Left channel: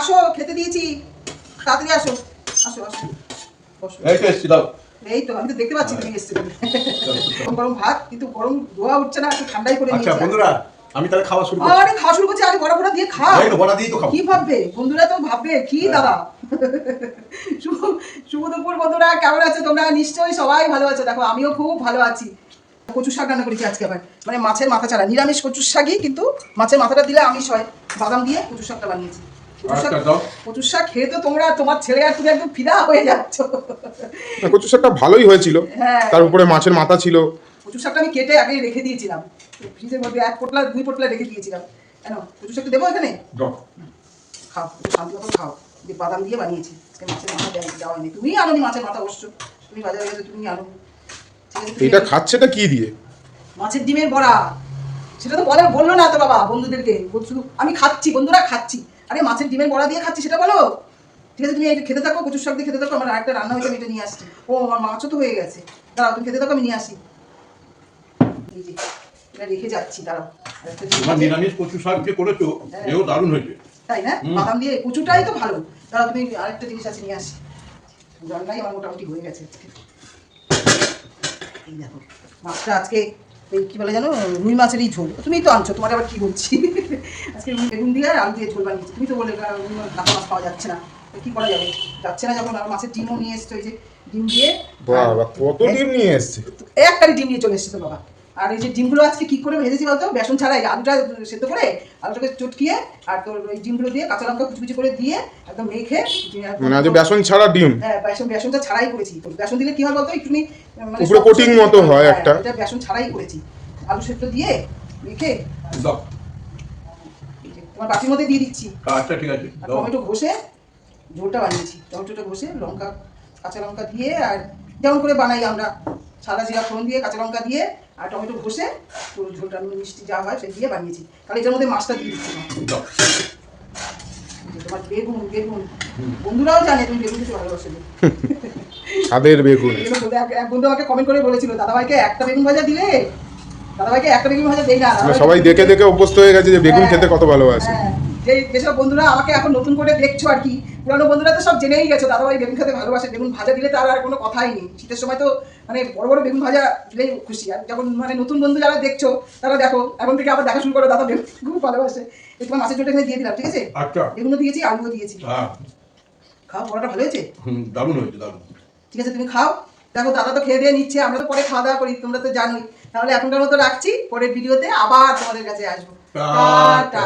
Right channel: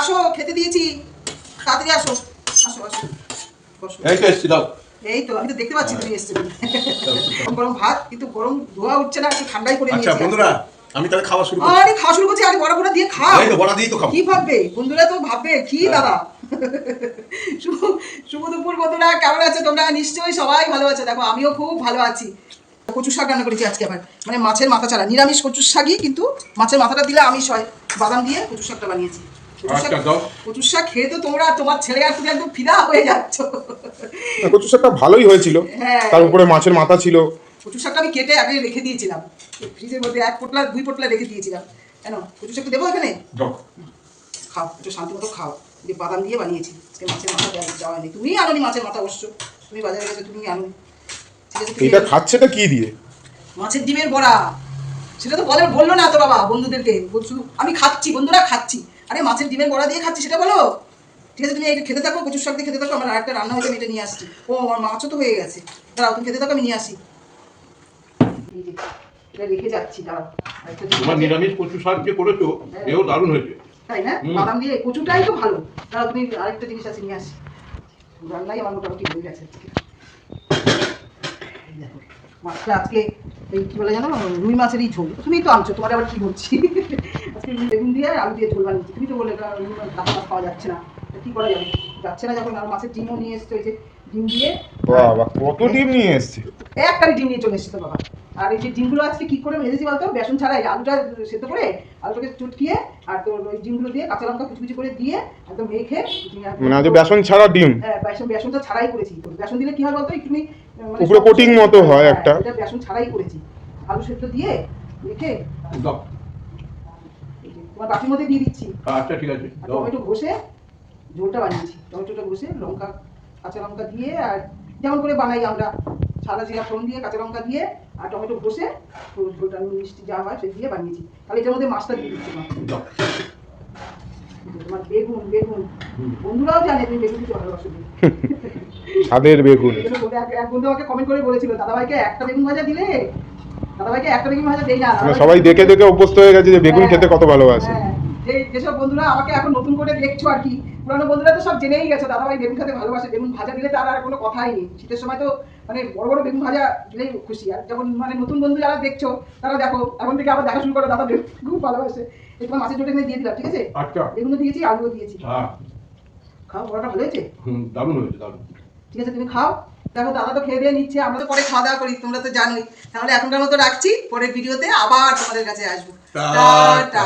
আসো খেতে দিয়েছি, তাড়াতাড়ি আসো আসো আসো। এই তো এসছি, দাও। এই তো আমি তো দেখতে পাচ্ছি তুমি এসছো। গরম গরম ভাত, কিন্তু গরম ধোয়া উঠছে না, একটু ঠান্ডাই করে নিয়েছি। আচ্ছা বন্ধুরা, আমি তাহলে খাওয়া শুরু করছি। আরে খাওয়া শুরু করছি, আরে বড়া বড়া দিয়ে খাও। এই তো বড়া দিয়েই তো খাবো। কি ভাববে বন্ধুরা, তো ভাববে কি দাদা। শুভ দুপুর বন্ধুরা, কেমন আছো তোমরা? নিশ্চয়ই সবাই ভালো আছো। দেখো আমিও খুব ভালো আছি। কচু শাক রান্না করেছি আজকে, আবার মানে মাছের মাথা ছাড়া, নিরামিষ কচুর শাকই, কিন্তু মাছের মাথাটা দিলে আমিষ হয়। বাদাম দিয়ে কচু শাকটা বানিয়েছি। কচুর শাক খেয়ে তো তোমরা, তোমার ছেলে আর তুমি একদম ফিদা হয়ে যাচ্ছ। কচু শাকটা ভালোই হয়েছিল, তার উপরে মাছের মাথা ছিল। কচু শাকটা আমি কেটে আগে রেখে দিয়েছিলাম ফ্রিজের মধ্যে, 1 পোটলা 2 পোটলা রেখে দিয়েছিলাম। কেন কচু শাকটা দেবো এখানে? খাও, একটু শান্তি মতো খাও। যে বাদাম দিয়ে বানিয়েছি আজকে, মাছের মাথা দেওয়া হয়নি। তুমি আনোনি মাছের মাথা, অবশ্য তুমি বাজারে গেছো, তুমি আনো। এটা খাচ্ছেটা কি দিয়ে? মাছের ডিমের বড়া। সেটা তো বললো না তো বাবা বন্ধুদেরকে, শুধু আমি খাচ্ছি, বন্ধুরা খাচ্ছি। আরে মাছের ডিমের বড়া দিয়ে খাচ্ছি সেটা বলো। ঠিক আছে, তুমি এটা খেতে থাকো, কচুর শাক দিয়ে খেতে থাকো। আমার আরেকটা রান্না হয়েছে, আমি এটা নিয়ে আসছি। ও আমার মাছও তো হয়ে গেছে, দাঁড়াও তুমি খেতে থাকো, আমি নিয়ে আসি। এই যে এটা রেখে যাচ্ছি, দাঁড়াও। তোমার নিরামিষ কচু শাক যে করেছো, এও দারুণ হয়েছে। তাই না? বাদাম দিয়ে কচুটাই তো ভালো। দাঁড়াও তুমি, আরেকটা জিনিস আছে নিয়ে আসি। রান্নাই আমার মোটামুটি হয়ে গেছে আজকে। এই দেখো মাছটা আজকে এই কি বলে জানো, রুই মাছেরই ঝোল। তুমি তো আনছো, তোমার আবার কি বলছি। আজকে বেগুন দিয়ে আলু দিয়ে ঝোল বানিয়েছি। তুমি তো বলে কাঁচা মাছ পাওয়া যাচ্ছে না, কি করা যাবে? যাচ্ছে না যখন, আর মাছের ডিমও নিয়ে এসছো। এই যে ডিম দিয়ে, বাবা কত ডিম নিয়ে এসছে! একটা ডিম নিয়ে চলে এসেছে বাবা। আর এই যে ডিমগুলো আজকে কি করে ভেজেছি বলতো, বেসন ছাড়াই। আলুটা সেদ্ধ করে, আলুটাকে চটকিয়ে, আর তোর ওই ডিমগুলো দিয়ে কাঁচা লঙ্কা কুচি করে দিয়ে একদম মেখে, মানে আজ বেসন ছাড়া ডিম? হ্যাঁ, বেসনটা ছাড়াই করেছি। বেসন দিলে কি হয় বলতো, একটু উপরে কোটিং মতো হয় একটা। এটা বেসন ছাড়াই করেছি, আলু সেদ্ধ দিয়ে মেখে। তোমার বাটির মধ্যে দিয়ে দিচ্ছি। আচ্ছা ঠিক আছে। আর টমেটো ঘষে ঝোলটা বানিয়েছি। টমেটোটা ঘষে লঙ্কা, কাঁচা লঙ্কা দিয়ে, আর যেমন করে বানাই আমরা, সাদা জিরা ফোড়ন দিয়ে, কাঁচা লঙ্কা দিয়ে, আর টমেটো ঘষে পুরো ঝোলটা মিষ্টি যা হয় সেই দিয়ে বানিয়েছি। তাহলে এটার মধ্যে মাছটা দিয়ে দিচ্ছি। তোমার বেগুন, বন্ধুরাও জানে তুমি বেগুন কিছু ভালোবাসো। ছাদের বেগুন। এক বন্ধু আমাকে কমেন্ট করে বলেছিল, দাদাভাইকে একটা বেগুন ভাজা দিলে। দাদাভাইকে একটা বেগুন ভাজা দেই না। সবাই দেখে দেখে অভ্যস্ত হয়ে গেছে যে বেগুন খেতে কত ভালোবাসে। যেসব বন্ধুরা আমাকে এখন নতুন করে দেখছো আর কি, পুরানো বন্ধুরা তো সব জেনেই গেছো দাদাভাই বেগুন খেতে ভালোবাসে। বেগুন ভাজা দিলে তার আর কোনো কথাই নেই। শীতের সময় তো মানে বড় বড় বেগুন ভাজা দিলেই খুশি। আর যখন মানে নতুন বন্ধু যারা দেখছো, তারা দেখো এখন থেকে আবার দেখা শুরু করো, দাদা বেগুন খুব ভালোবাসে। তোমার মাছের ঝোলটা এখানে দিয়ে দিলাম, ঠিক আছে? আচ্ছা, বেগুনও দিয়েছি, আলুও দিয়েছি। খাও, বড়াটা ভালো হয়েছে? দারুণ হয়েছে, দারুণ। ঠিক আছে, তুমি খাও। দেখো দাদা তো খেয়ে দিয়ে নিচ্ছে, আমরা তো পরে খাওয়া দাওয়া করি, তোমরা তো জানোই। তাহলে এখনকার মতো রাখছি, পরের ভিডিওতে আবার তোমাদের কাছে আসবো। টাটা।